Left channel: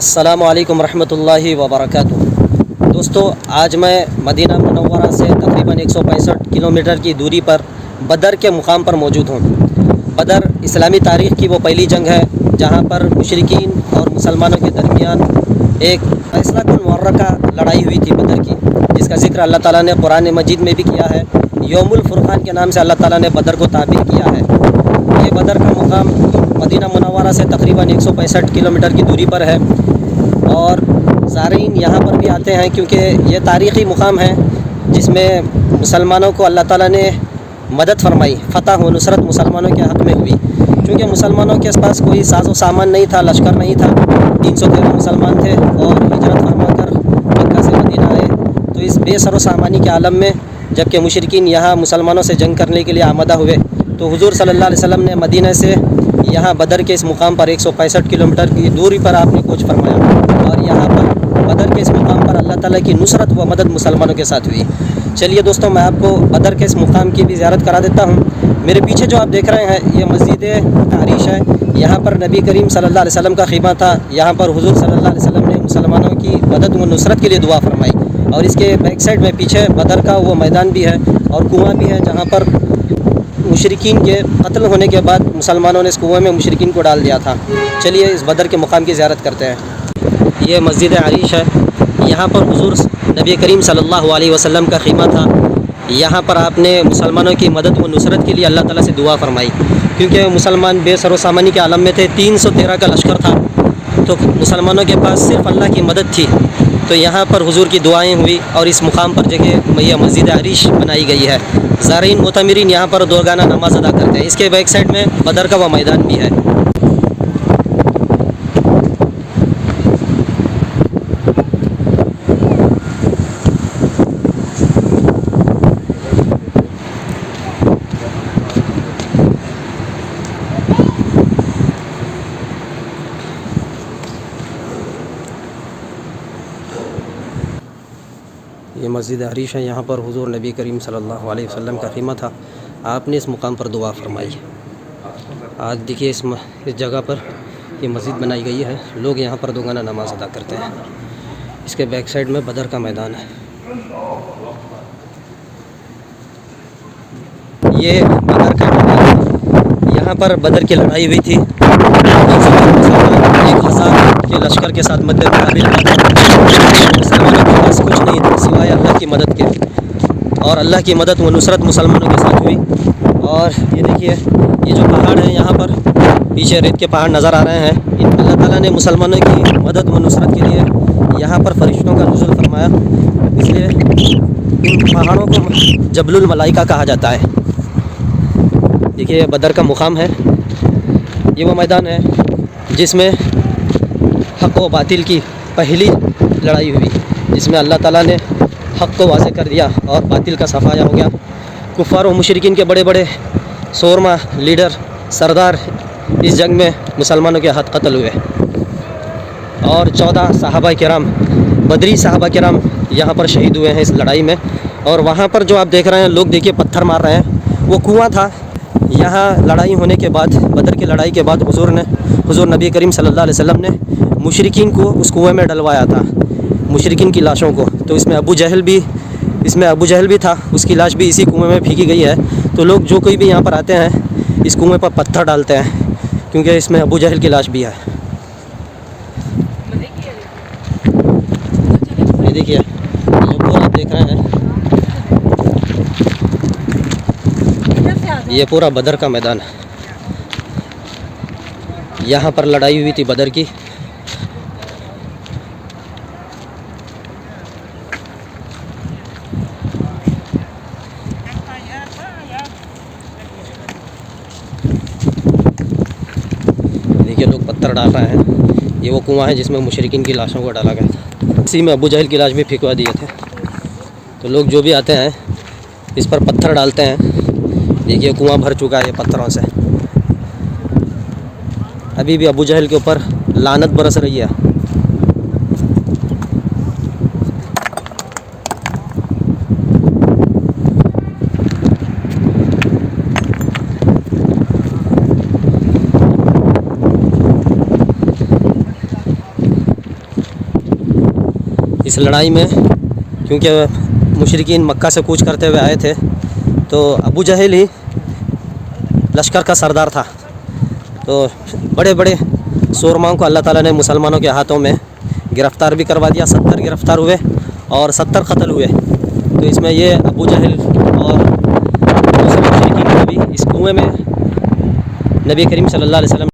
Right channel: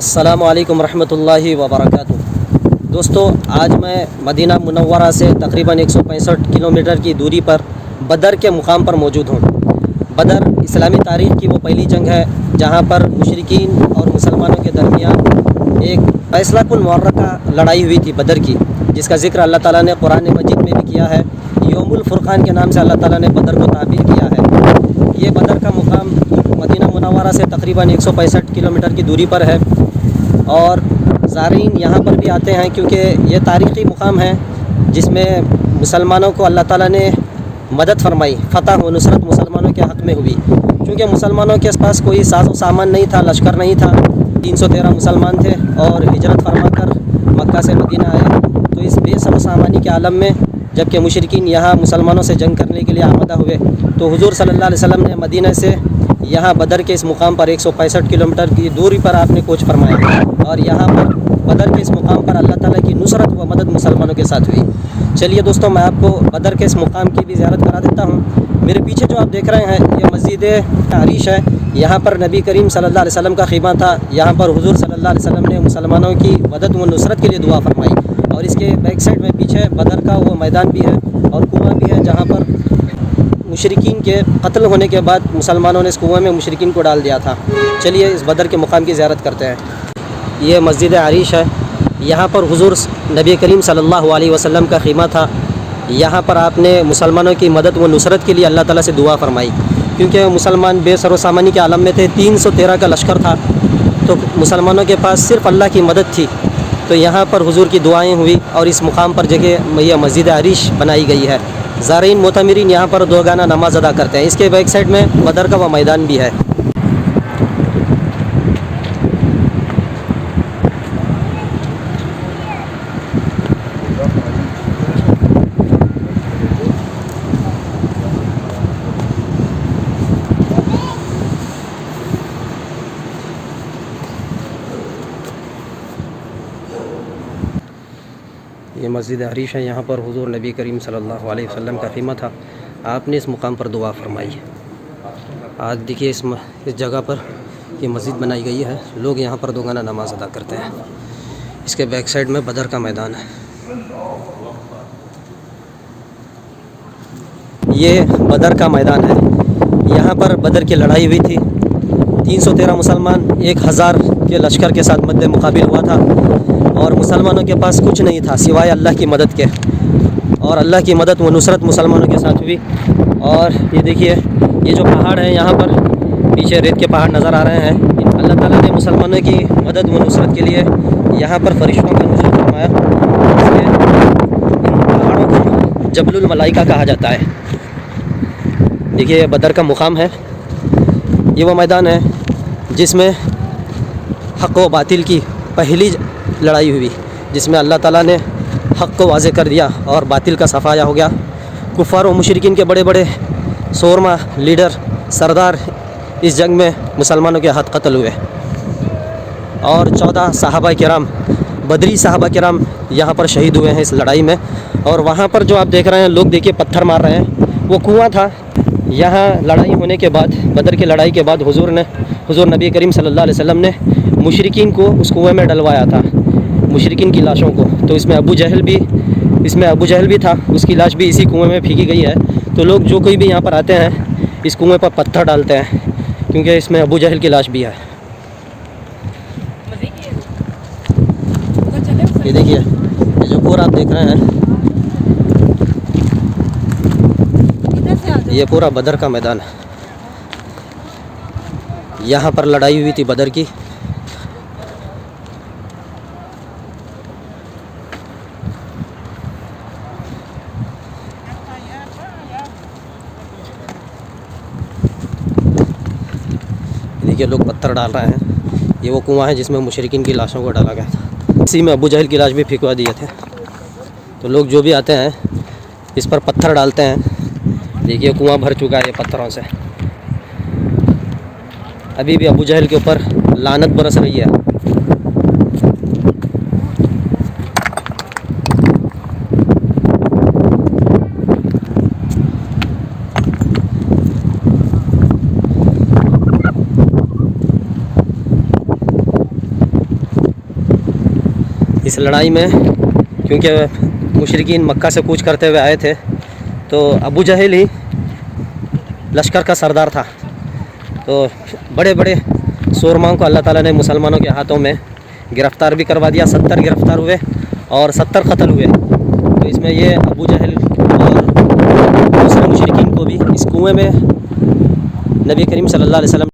अस्सलामु अलैकुम रहमतुल्लाहि व बरकातुहू। दोस्तों, आज मैं मदीना मुनव्वरा से तकरीबन 165 किलोमीटर की दूरी पर बदर के मुकाम पर मौजूद हूँ। बदर इस्लामी तारीख़ की वो पहली जंग है जहाँ पर मुशरिकीन और मुसलमानों के दरमियान एक फैसलाकुन मुअर्रका लड़ाई हुई थी बदर की, जिसका ज़िक्र अल्लाह ताला ने कुरान मजीद में भी किया है। यौमुल फुरक़ान के नाम से अल्लाह ताला ने बदर को ताबीर किया है। ये बदर का मुकाम मदीना मुनव्वरा से तकरीबन 165 किलोमीटर की दूरी पर है और ज़ारीन यहाँ पर भी आते हैं क्योंकि ये तारीख़ी मुकाम है जिसमें मुसलमानों को अल्लाह ताला ने मदद फरमाई, फ़तह व नुसरत मुसलमानों के हक़ में हुई। क्योंकि मुसलमानों के पास कोई साज़ो सामान नहीं था, लश्कर नहीं था। 313 मुसलमान थे और हिजरत फरमा कर मक्का से मदीना आए। तो इस बेसरो सामानी के आलम में जबकि मुशरिकीन यहाँ मुसलमानों से जंग करने के लिए आमदा हुए, तो हुज़ूर सल्लल्लाहु अलैहि वसल्लम ने मदीना से यहाँ बदर के इस मुकाम पर 165 किलोमीटर की दूरी पर आपने कूच फरमाया और यहाँ पर बदर के इस मुकाम पर अल्लाह ताला की नुसरत व मदद मुसलमानों के साथ हुई। चलिए दोस्तों, मैं आपको बदर के इस मुकाम की भी ज़ियारत करा देता हूँ। मेरे पीछे जो आप देख रहे हैं ये मस्जिद आरिश है। यहाँ पर नबी करीम सल्लल्लाहु अलैहि वसल्लम का ख़ीमा था। यहाँ पर हुज़ूर सल्लल्लाहु अलैहि वसल्लम ने मुसलमानों की मदद व नुसरत के लिए दुआ फरमाई। और इसके बैक साइड में पीछे बदर का वो मैदान भी है और कुआँ भी है जहाँ पर मुशरिकीन के कत्ल होने के बाद मुसलमानों ने इस कुएँ में मुशरिकीन को डाल दिया था। चलिए इस बदर के मुकाम की ज़ियारत करते हैं। ये मस्जिद आरिश है। यहाँ पर हुज़ूर नबी करीम सल्लल्लाहु अलैहि वसल्लम का ख़ीमा था। यहाँ पर आपने मुसलमानों की मदद व नुसरत के लिए अल्लाह ताला से दुआ फरमाई क्योंकि मुसलमान बेसरो सामानी के आलम में थे। 313 का लश्कर था तो मुसलमानों के पास सिर्फ़ अल्लाह की मदद थी। तो यहाँ पर हुज़ूर की दुआएँ हुई और इस मुकाम पर जगह यह मस्जिद आरिश बनाई गई है। ज़ारीन मोतमिरीन यहाँ पर दो गाना नमाज़ अदा करते हैं। इसके बैक साइड में बदर का वह मैदान भी है। ये मस्जिद आरिश है। यहाँ पर हुज़ूर नबी करीम सल्लल्लाहु अलैहि वसल्लम का ख़ीमा था। आपने इस मुकाम पर दुआ फरमाई। आज देखिए इस जगह पर ये मस्जिद बनाई गई है। लोग यहाँ पर दो गाना नमाज़ अदा करते हैं। इसके बैक साइड में बदर का मैदान है। ये बदर का मैदान है। यहाँ पर बदर की लड़ाई हुई थी। 313 मुसलमान 1000 के लश्कर के साथ मद्दे मुकाबिल हुआ था और मुसलमानों के पास कुछ नहीं था सिवाय अल्लाह की मदद के। और अल्लाह की मदद व नुसरत मुसलमानों के साथ हुई। और ये देखिए ये जो पहाड़ हैं, यहाँ पर पीछे रेत के पहाड़ नज़र आ रहे हैं। अल्लाह ताला ने मुसलमानों की मदद व नुसरत के लिए यहाँ पर फरिश्तों का नुज़ूल फरमाया। इसलिए पहाड़ों को जबलुल मलाइका कहा जाता है। देखिए बदर का मुकाम है। ये वो मैदान है जिसमें हक़ व बातिल की पहली लड़ाई हुई, जिसमें अल्लाह ताला ने हक़ को वाज़े कर दिया और बातिल का सफाया हो गया। कुफ़ार व मुशरिकीन के बड़े बड़े शोरमा लीडर सरदार इस जंग में मुसलमानों के हाथ कत्ल हुए और 14 सहाबा किराम बदरी सहाबा किराम यहाँ पर शहीद हुए हैं इस लड़ाई में। और वहाँ पर जो आप देख रहे हैं लोग देखिए पत्थर मार रहे हैं, वो कुआँ था। यहाँ लड़ाई होने के बाद, बदर की लड़ाई के बाद हुज़ूर नबी करीम सल्लल्लाहु अलैहि वसल्लम ने मुशरिकीन को उस कुएँ में डलवाया था, मुशरिकीन की लाशों को। तो इसमें अबू जहल भी था, उसकी लाश भी इसी कुएँ में फेंकी गई है। तो लोग जो कोई भी यहाँ पर आते हैं इस कुएँ पर पत्थर डालते हैं क्योंकि इसमें अबू जहल की लाश भी है। ये देखिए ये जो पूरा आप देख रहे हैं ये पूरा बदर का मैदान है। यहाँ पर लड़ाई हुई थी बदर की। देखिए लोग पत्थर डाल रहे हैं। ये वो कुआं है जिसमें मुशरिकीन की लाशों को डाला गया था। इसी में अबू जहल की लाश भी फेंकवा दिए थे। तो लोग जो भी आते हैं इस पर पत्थर डालते हैं। देखिए कुआं भर चुका है ये पत्थरों से। अभी भी अबू जहल के ऊपर लानत बरस रही है। इस लड़ाई में, क्योंकि मुशरिकीन मक्का से कूच करते हुए आए थे, तो अबू जहल ही लश्कर का सरदार था। तो बड़े बड़े सूरमाओं को अल्लाह ताला ने मुसलमानों के हाथों में गिरफ़्तार भी करवा दिया। 70 गिरफ़्तार हुए और 70 कत्ल हुए। तो इसमें ये अबू जहल और दूसरे मुशरिकीन को भी इस कुएं में नबी करीम सल्लल्लाहु अलैहि वसल्लम